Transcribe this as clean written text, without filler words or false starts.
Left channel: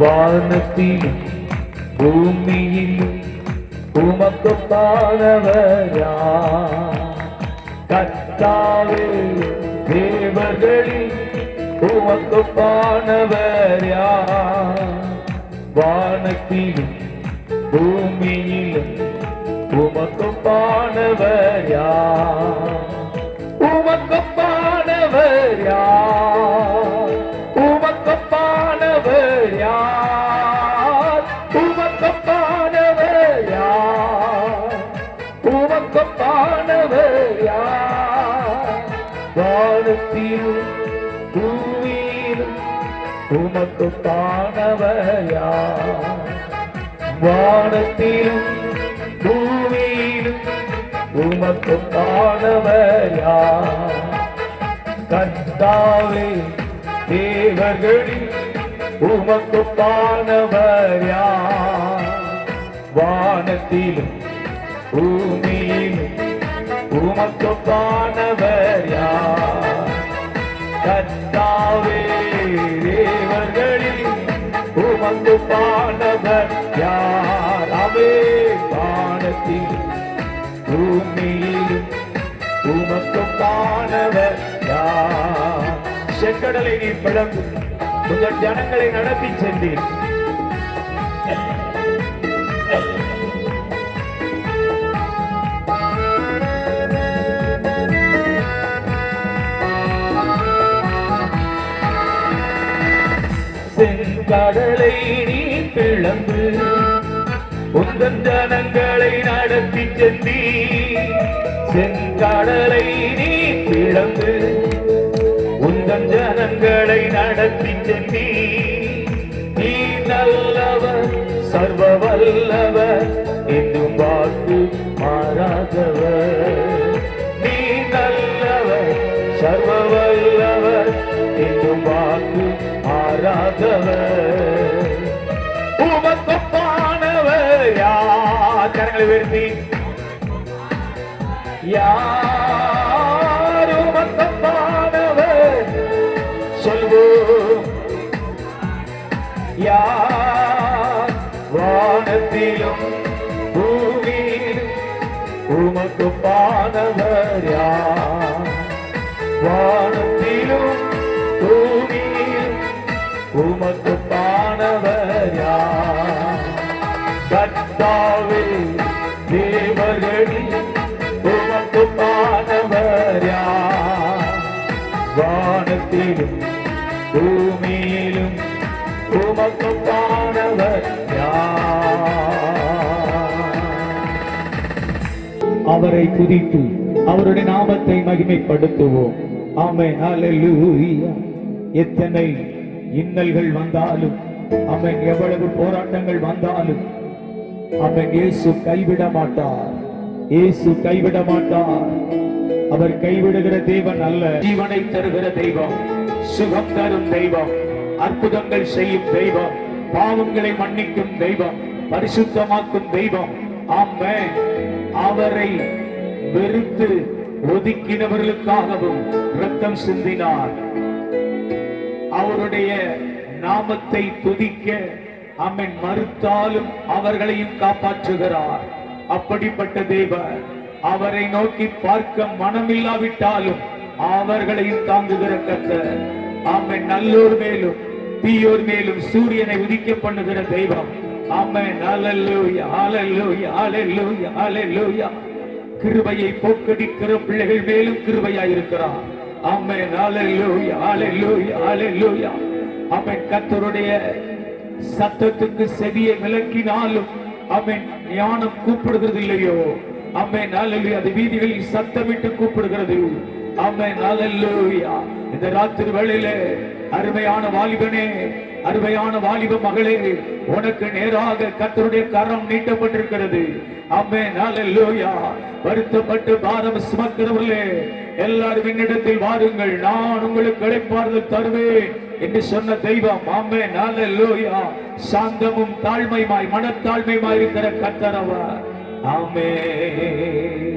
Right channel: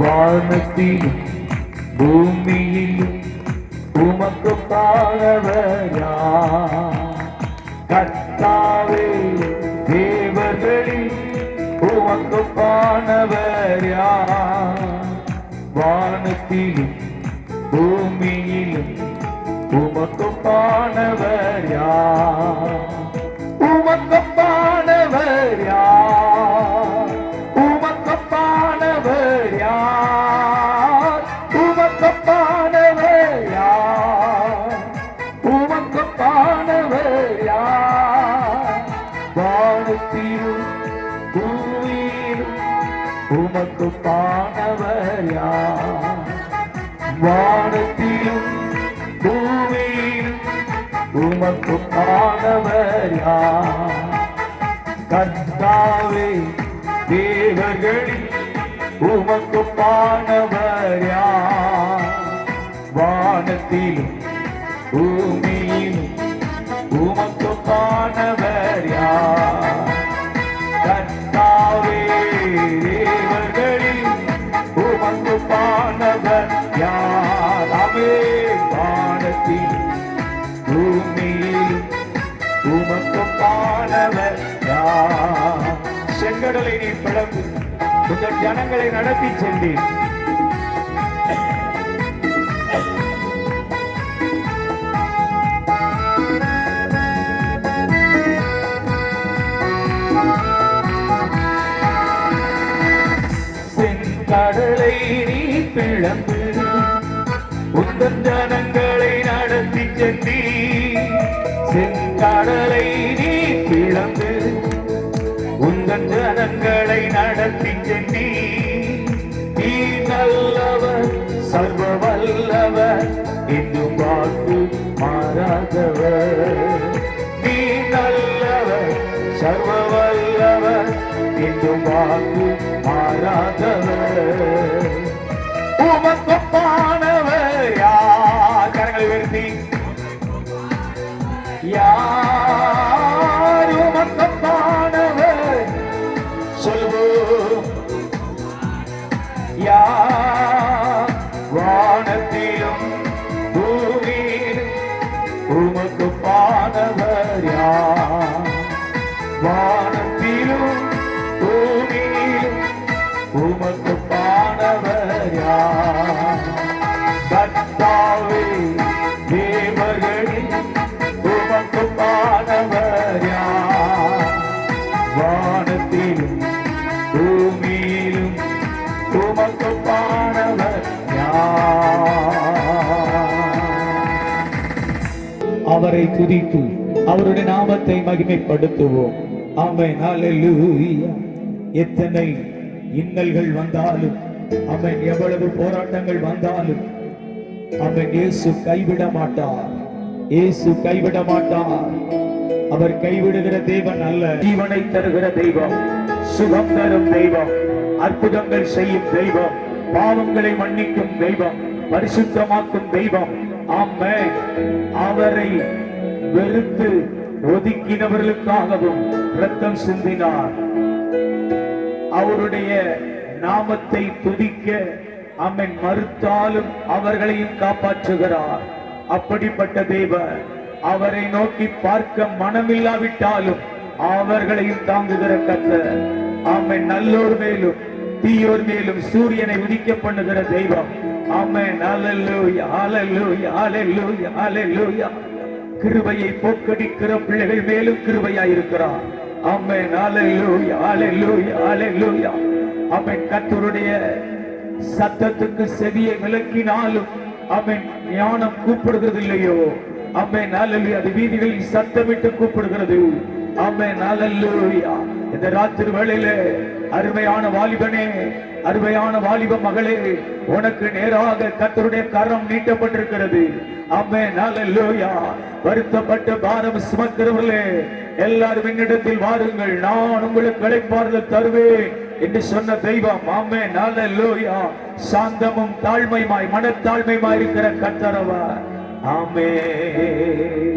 வானத்திலும் பூமியிலும் உமக்கு பாடவரா கர்த்தாவே தேவர்களில் உமக்கு பாடவரா வானத்திலும் பூமியிலும் உமக்கு பாடவரா உமக்கு பாடவரா உமக்கு பாடவரா உமக்கு பாடவரா உமக்கு பாடவரா வானத்திலும் பூமியிலும் உமக்கு பாடவரா வானத்திலும் பூமியிலும் உமக்கு பாடவரா கர்த்தாவே தேவர்களில் உமக்கு பாடவரா வானத்திலும் பூமியிலும் உமக்கு பாடவரா கர்த்தாவே தேவர்களில் உமக்கு பாடவரா வானத்திலும் பூமியிலும் உமக்கு பாடவரா செங்கடலை நீ பிளந்து உங்கள் ஜனங்களை நடத்தி சென்றீர் செங்கடலை நீ பிளந்து உங்கள் ஜனங்களை நடத்தி சென்றீர் செங்கடலை நீ பிளந்து உங்கள் ஜனங்களை நடத்தி சென்றீர் நீ நல்லவர் சர்வ வல்லவர் என்னும் வாக்கு மாறாதவர் நீ நல்லவர் சர்வ வல்லவர் என்னும் வாக்கு மாறாதவர் உமக்கு பானவர் யார் கரங்களை உயர்த்தி யார் உமக்கு பானவர் சொல்வோம் யார் வானத்திலும் பூமியிலும் உமக்கு பானவர் யார் வானத்திலும் பூமியிலும் உமக்கு பானவர் யார் கர்த்தாவே தேவர்களில் உமக்கு பானவர் யார் வானத்திலும் பூமியிலும் உமக்கு பானவர் அவரை துதித்து அவருடைய நாமத்தை மகிமைப்படுத்துவோம். ஆமென். ஹல்லேலூயா. எத்தனை இன்னல்கள் வந்தாலும் ஆமென், எவ்வளவு போராட்டங்கள் வந்தாலும் ஆமென், இயேசு கைவிட மாட்டார். இயேசு கைவிட மாட்டார். அவர் கைவிடுகிற தெய்வம் அல்ல. ஜீவனை தருகிற தெய்வம், சுகம் தரும் தெய்வம், அற்புதங்கள் செய்யும் தெய்வம், பாவங்களை மன்னிக்கும் தெய்வம், பரிசுத்தமாக்கும் தெய்வம். ஆமென். அவரை வெறுத்து ஒதுக்கினவர்களுக்காகவும் இரத்தம் சிந்தினார். அவருடைய நாமத்தை துதிக்க ஆமென் மறுத்தாலும் அவர்களையும் காப்பாற்றுகிறார். அப்படிப்பட்ட தேவன் அவரை நோக்கி பார்க்க மனமில்லாவிட்டாலும் அவர்களையும் தாங்குகிற கர்த்தர். ஆமென். நல்லோர் மேலும் தீயோர் மேலும் சூரியனை உதிக்க பண்ணுகிற தெய்வம். ஆமென். ஹல்லேலூயா, ஹல்லேலூயா, ஹல்லேலூயா, ஹல்லேலூயா. கிருபையை போக்கடிக்கிற பிள்ளைகள் மேலும் கிருபையாயிருக்கிறார். ஆமென். ஹல்லேலூயா, ஹல்லேலூயா, ஹல்லேலூயா. ஆமென். கர்த்தருடைய சத்தத்துக்கு செவியை விலக்கினாலும் ஆமென் ஞானம் கூப்பிடுகிறது இல்லையோ. ஆமென். ஹல்லேலூயா. அது வீதிகளில் சத்தமிட்டு கூப்பிடுகிறது. ஆமென். ஹல்லேலூயா. இந்த ராத்திரி வேளையிலே அருமையான வாலிபனே, அருமையான வாலிப மகளே, உனக்கு நேராக கர்த்தருடைய கரம் நீட்டப்பட்டிருக்கிறது. ஆமென். ஹல்லேலூயா. வருத்தப்பட்டு பாரம் சுமக்கிறவர்களே எல்லாரும் என்னிடத்தில் வாருங்கள், நான் உங்களுக்கு இளைப்பாறுதல் தருவேன் என்று சொன்ன தெய்வம். ஆமென். ஹல்லேலூயா. சாந்தமும் தாழ்மையுமாய் மனத்தாழ்மையுமாய் இருக்கிற கர்த்தர் அவர். ஆமென்.